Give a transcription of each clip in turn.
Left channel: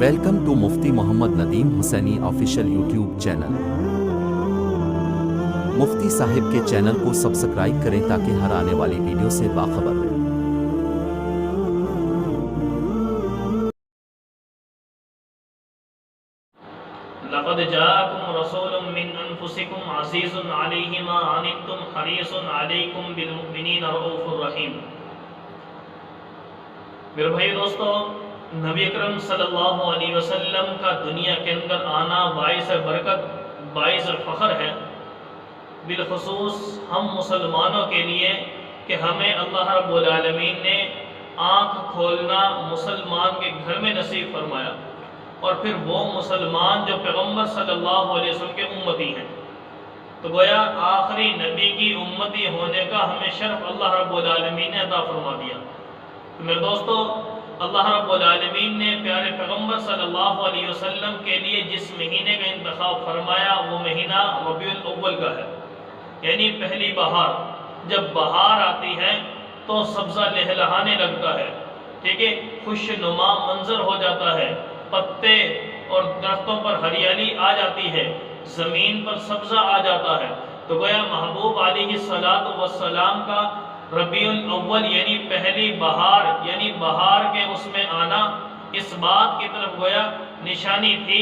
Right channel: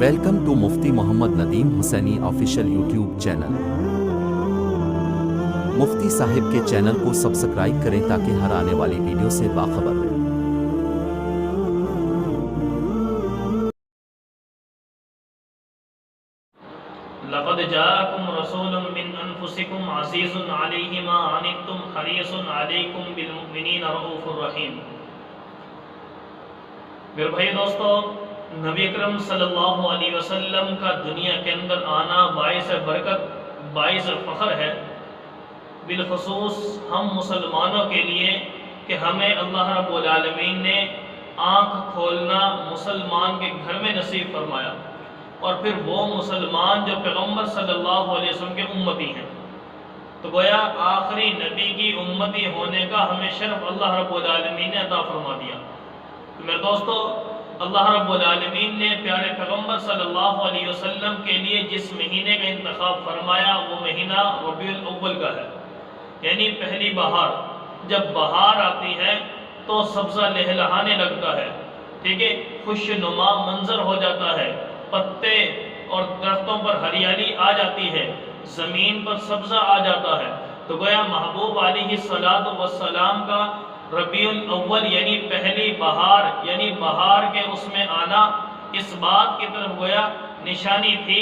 Welcome to Mufti Muhammad Nadeem Husaini official YouTube channel. Mufti Sahab کے channel کو subscribe کریں تاکہ ہر آنے والی ویڈیو سے باخبر رہیں۔ لقد جاءكم رسول من انفسكم عزيز عليه ما عنتم حريص عليكم بالمؤمنين رؤوف الرحيم۔ میرے بھائی دوستو، نبی اکرم صلی اللہ علیہ وسلم کا دنیا کے اندر آنا باعث برکت، باعث فخر ہے، بالخصوص ہم مسلمانوں کے لیے کہ ہمیں اللہ رب العالمین نے آنکھ کھولنا مسلمان کے گھر میں نصیب فرمایا، اور پھر وہ مسلمان جو پیغمبر صلی اللہ علیہ وسلم کے امتی ہیں، تو گویا آخری نبی کی امتی ہونے کا ہمیں شرف اللہ رب العالمین نے عطا فرما دیا۔ تو میرے دوستو، اللہ رب العالمین نے پیارے پیغمبر صلی اللہ علیہ وسلم کے لیے جس مہینے کا انتخاب فرمایا وہ مہینہ ربیع الاول کا ہے، یعنی پہلی بہار۔ جب بہار آتی ہے تو سبزہ لہلہانے لگتا ہے، ٹھیک ہے، خوش نما منظر ہو جاتا ہے، پتے اور درختوں پر ہریالی آ جاتی ہے، زمین پر سبزہ آ جاتا ہے۔ تو گویا محبوب علیہ السلام کا ربیع الاول یعنی پہلی بہار، یعنی بہار کے اس میں آنا، اس بات کی طرف گویا نشانی تھی،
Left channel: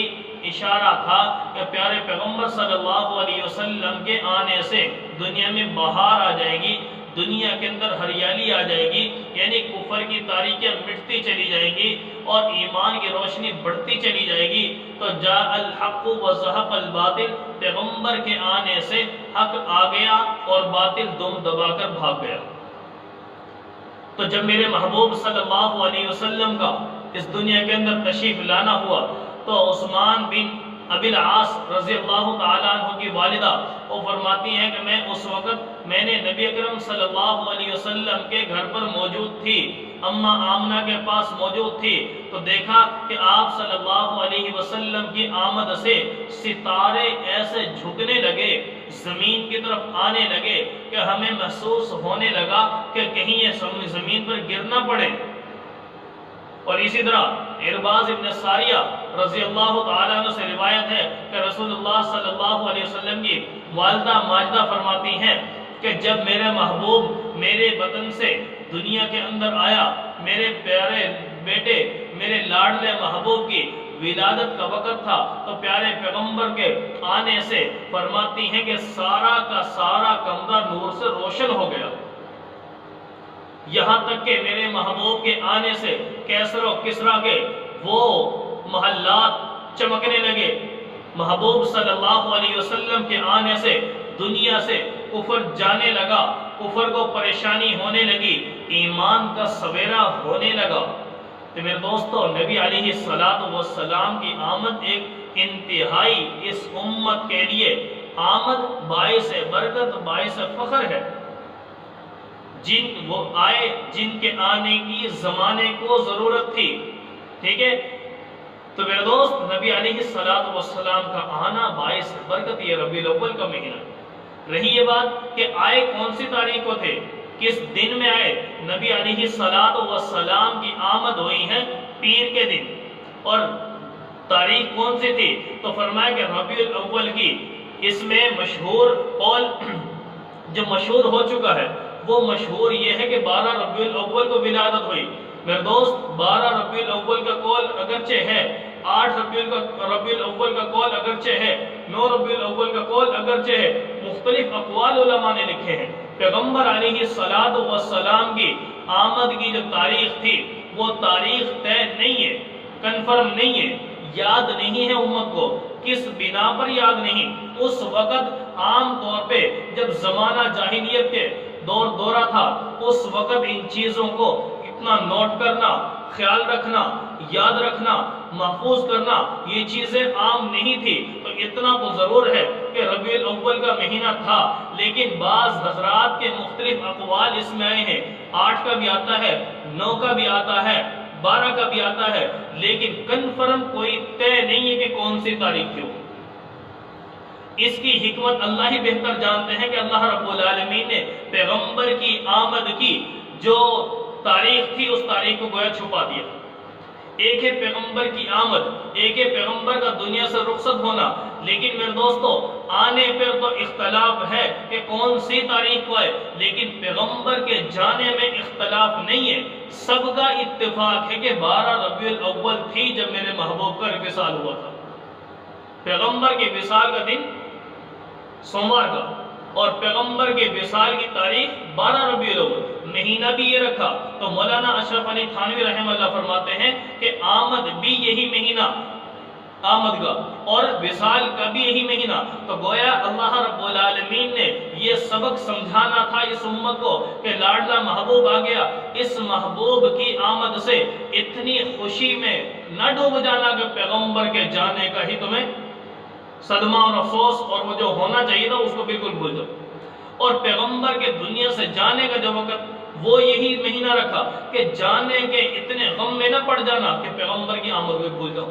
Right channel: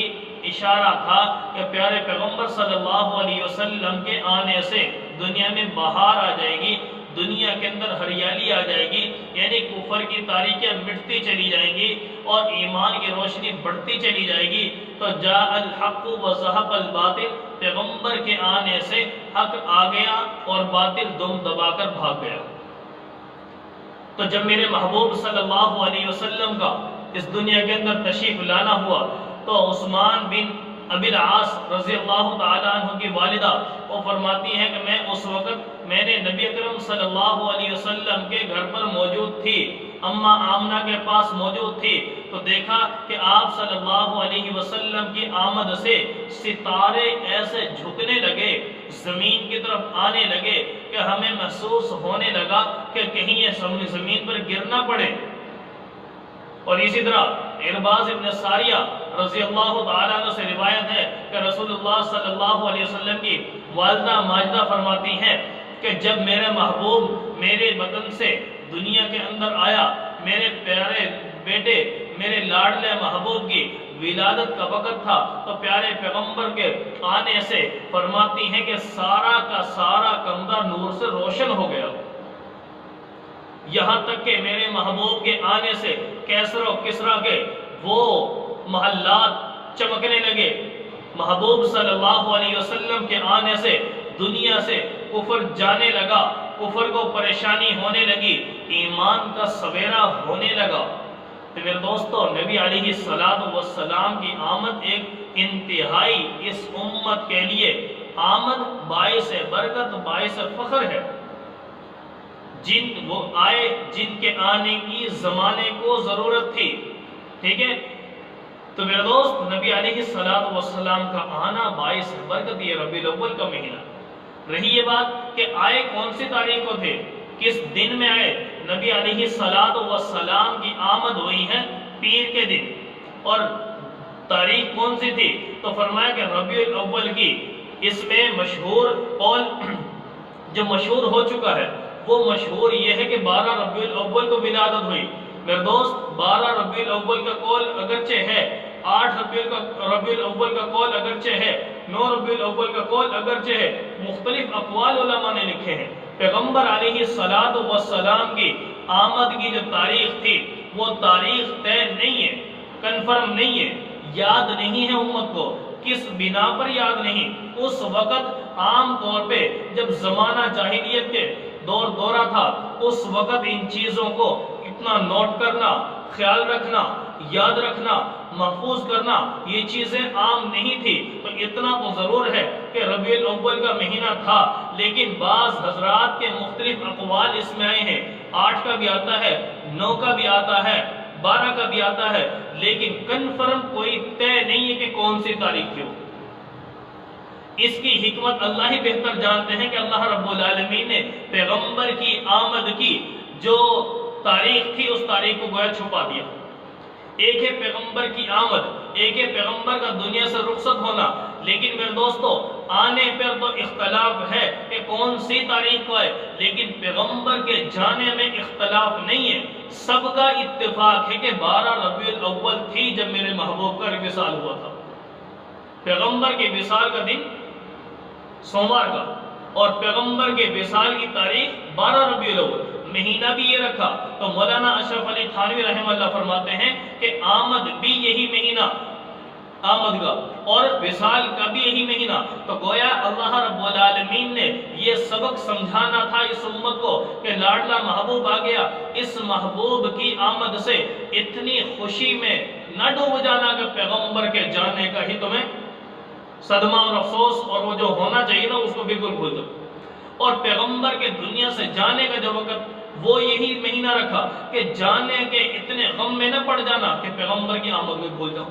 اشارہ تھا کہ پیارے پیغمبر صلی اللہ علیہ وسلم کے آنے سے دنیا میں بہار آ جائے گی، دنیا کے اندر ہریالی آ جائے گی، یعنی کفر کی تاریکیاں مٹتی چلی جائیں گی اور ایمان کی روشنی بڑھتی چلی جائے گی۔ تو جاء الحق وزهق الباطل، پیغمبر کے آنے سے حق آ گیا اور باطل دم دبا کر بھاگ گیا۔ تو جب میرے محبوب صلی اللہ علیہ وسلم کا اس دنیا کے اندر تشریف لانا ہوا تو عثمان بن ابی العاص رضی اللہ تعالیٰ عنہ کی والدہ وہ فرماتی ہیں کہ میں اس وقت نے نبی اکرم صلی اللہ علیہ وسلم کے گھر پر موجود تھی، اماں آمنہ کے پاس موجود تھی، تو دیکھا کہ آپ صلی اللہ علیہ وسلم کی آمد سے ستارے ایسے جھکنے لگے، زمین کی طرف آنے لگے کہ ہمیں محسوس ہونے لگا کہ کہیں یہ زمین پر گر نہ پڑے۔ اور اسی طرح ارباز ابن ساریہ رضی اللہ تعالیٰ عنہ سے روایت ہے کہ رسول اللہ صلی اللہ علیہ وسلم کی والدہ ماجدہ فرماتی ہیں کہ جب میرے محبوب میرے بدن سے دنیا کے اندر آیا، میرے پیارے بیٹے میرے لاڈلے محبوب کی ولادت کا وقت تھا، تو پیارے پیغمبر کے آنے سے فرماتی ہیں کہ سارا کا سارا کمرہ نور سے روشن ہو گیا، یہاں تک کہ میرے محبوب کے آنے سے کیسر و کسریٰ کے وہ محلات چمکنے لگے۔ محبوب صلی اللہ علیہ وسلم کے آنے سے دنیا سے کفر جانے لگا، کفر کو پریشانی ہونے لگی، ایمان کا سویرا ہونے لگا۔ تو میرے دوستو، نبی علیہ السلام کی آمد ایک انتہائی اس امت کے لیے آمد باعث برکت، باعث فخر ہے۔ جن وہ آئے جن کے آنے کی زمانے کو ضرورت تھی، ٹھیک ہے۔ تو میرے دوست، نبی علیہ السلام کا آنا باعث برکت، یہ ربیع الاول کا مہینہ۔ رہی یہ بات کہ آئے کون سی تاریخ کو تھے، کس دن میں آئے؟ نبی علیہ السلام کی آمد ہوئی ہے پیر کے دن، اور تاریخ کون سی تھی؟ تو فرمایا کہ ربیع الاول کی۔ اس میں مشہور قول جو مشہور ہو چکا ہے وہ مشہور یہ ہے کہ 12 ربیع الاول کو ولادت ہوئی۔ میرے دوست، 12 ربیع الاول کا قول اگرچہ ہے، 8 ربیع الاول کا قول اگرچہ ہے، 9 ربیع الاول کا قول اگرچہ ہے، مختلف اقوال علماء نے لکھے ہیں۔ پیغمبر علیہ السلام کی آمد کی جو تاریخ تھی وہ تاریخ طے نہیں ہے، کنفرم نہیں ہے، یاد نہیں ہے امت کو، کس بنا پر یاد نہیں۔ اس وقت عام طور پہ جب زمانہ جاہلیت کے دورہ تھا، اس وقت ان چیزوں کو اتنا نوٹ کرنا، خیال رکھنا، یاد رکھنا، محفوظ کرنا، یہ چیزیں عام نہیں تھی۔ تو اتنا تو ضرور ہے کہ ربیع الاول کا مہینہ تھا، لیکن بعض حضرات کے مختلف اقوال اس میں آئے ہیں، 8 کا بھی آتا ہے، 9 کا بھی آتا ہے، 12 کا بھی آتا ہے، لیکن کنفرم کوئی طے نہیں ہے کہ کون سی تاریخ کیوں۔ اس کی حکمت اللہ ہی بہتر جانتے ہیں کہ اللہ رب العالمین نے پیغمبر کی آمد کی جو تاریخ تھی اس تاریخ کو گویا چھپا دیا۔ ایک ہے پیغمبر کی آمد، ایک ہے پیغمبر کا دنیا سے رخصت ہونا، لیکن میرے دوستو آنے پر تو اختلاف ہے کہ کون سی تاریخ کو ہے، لیکن پیغمبر کے جانے میں اختلاف نہیں ہے۔ سب کا اتفاق ہے کہ 12 ربیع الاول تھی جب میرے محبوب کا وصال ہوا تھا۔ پیغمبر کے وصال کا دن سوموار کا، اور پیغمبر کے وصال کی تاریخ 12 ربیع الاول، مہینہ بھی یہ رکھا۔ تو مولانا اشرف علی تھانوی رحمہ اللہ فرماتے ہیں کہ آمد بھی یہی مہینہ آمد کا اور وصال کا بھی یہی مہینہ۔ تو گویا اللہ رب العالمین نے یہ سبق سمجھانا تھا اس امت کو کہ لاڈلا محبوب آ گیا، اس محبوب کی آمد سے اتنی خوشی میں نہ ڈوب جانا کہ پیغمبر کے جانے کا ہی تمہیں صدمہ اور افسوس اور وہ جو ہونا چاہیے تھا اس کو بالکل بھول جاؤ۔ اور پیغمبر کے دنیا سے جانے کا جو وقت وہ یہی مہینہ رکھا کہ جانے کے اتنے غم میں نہ پڑ جانا کہ پیغمبر کی آمد کو بھول جاؤ۔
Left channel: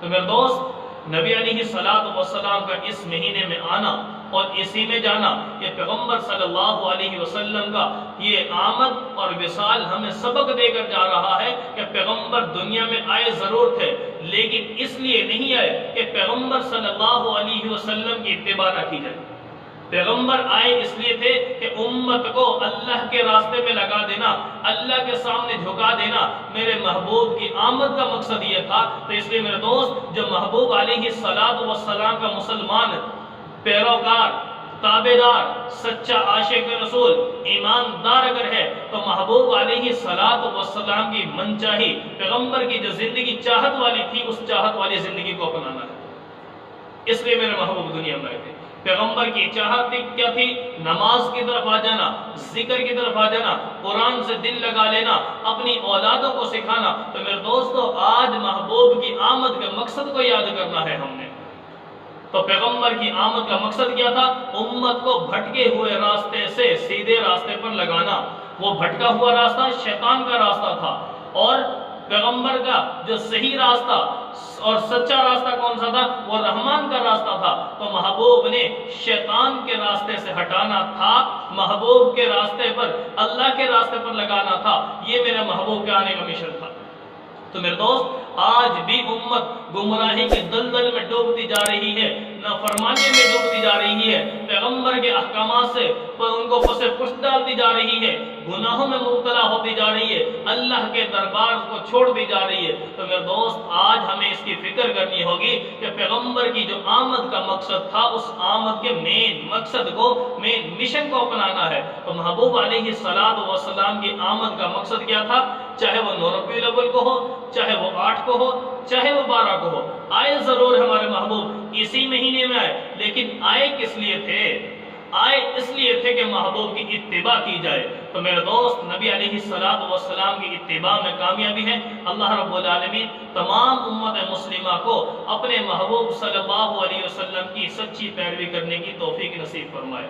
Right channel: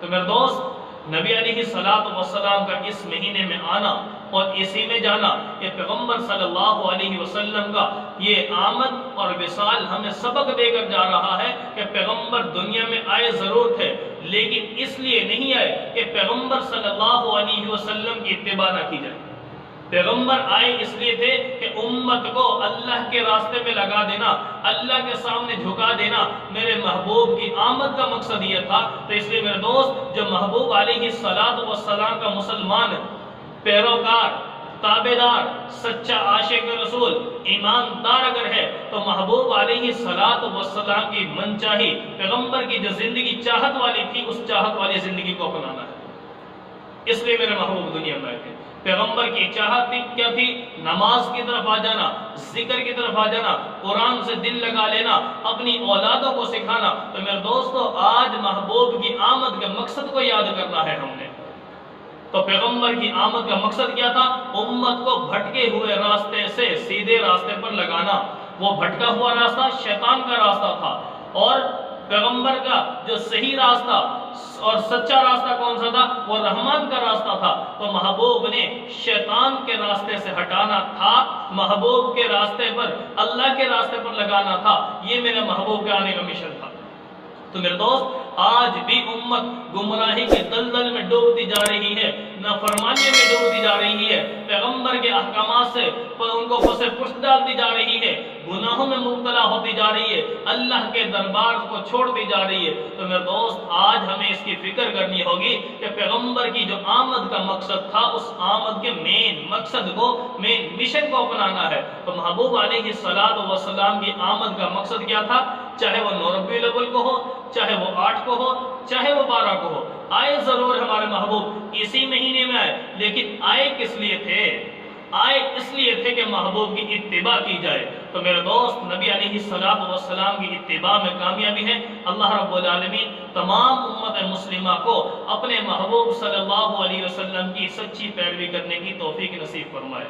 تو میرے دوست نبی علیہ الصلوۃ والسلام کا اس مہینے میں آنا اور اسی میں جانا، یہ پیغمبر صلی اللہ علیہ وسلم کا یہ آمد اور وصال ہمیں سبق دے کر جا رہا ہے کہ پیغمبر دنیا میں آئے ضرور تھے، لیکن اس لیے نہیں آئے کہ پیغمبر صلی اللہ علیہ وسلم کی اتباع نہ کی جائے۔ پیغمبر آئے اس لیے تھے کہ امت کو اللہ کے راستے میں لگا دینا، اللہ کے سامنے جھکا دینا، میرے محبوب کی آمد کا مقصد یہ تھا۔ تو اس لیے میرے دوست جو محبوب علیہ السلام کا مسلمان پیروکار، تابعدار، سچا عاشق رسول، ایماندار اگر ہے تو محبوب علیہ السلام کی من چاہی، پیغمبر کی جو زندگی چاہت والی تھی اس چاہت والی زندگی کو اپنانا ہے۔ اس لیے میرے محبوب دنیا میں آئے تھے۔ پیغمبر کی چاہت کیا تھی؟ نماز کی طرف آ جانا، ذکر کی طرف آ جانا، قرآن سے دل لگا لینا، اپنی اولادوں کو سکھانا۔ تو میرے دوستو آج محبوب کی آمد کے مقصد کو یاد کرنا ہے ہم نے۔ تو پیغمبر کی آمد کا مقصد کیا تھا؟ امت کو بھٹکے ہوئے راستے سے سیدھے راستے پر لگانا۔ وہ بھٹکا ہوا راستہ شیطان کا راستہ تھا، اور پیغمبر کا جو صحیح راستہ اور سچا راستہ کون سا تھا؟ وہ رحمان کا راستہ تھا۔ تو محبوب نے شیطان کے راستے سے ہٹانا تھا، محبوب کے راستے پر، اللہ کے راستے پر لگانا تھا۔ یہ میرے محبوب کے آنے کا مشن تھا۔ تو میرے دوست آج بھی امت گمراہی کے دلدل میں ڈوبتی جا رہی ہے، نافرمانی میں ڈوبتی جا رہی ہے، پیغمبر کے احکامات سے ان کو پس پشت ڈالتی جا رہی ہے، گناہوں میں مبتلا ہوتی جا رہی ہے، اللہ کے دربار کو چھوڑتی جا رہی ہے۔ تو میرے دوست آج ہمیں اس کی فکر کرنی ہوگی کہ پیغمبر کی جو آمد کا مقصد تھا اس آمد کے مین مقصد کو، مین مشن کو اپنانا ہے۔ تو محبوب علیہ السلام کی آمد کا مقصد کیا تھا؟ چاہے وہ 9 ربیع الاول کو ہو، چاہے وہ 8 کو ہو، چاہے وہ 12 کو ہو، آئے ضرور ہمارے محبوب اسی مہینے میں آئے، لیکن آئے کس لیے تھے؟ آئے اس لیے تھے کہ محبوب کی اتباع کی جائے۔ تو میرے دوست نبی علیہ السلام کی اتباع میں کامیابی ہے۔ اللہ رب العالمین تمام امت مسلمہ کو اپنے محبوب صلی اللہ علیہ وسلم کی سچی پیروی کرنے کی توفیق نصیب فرمائے۔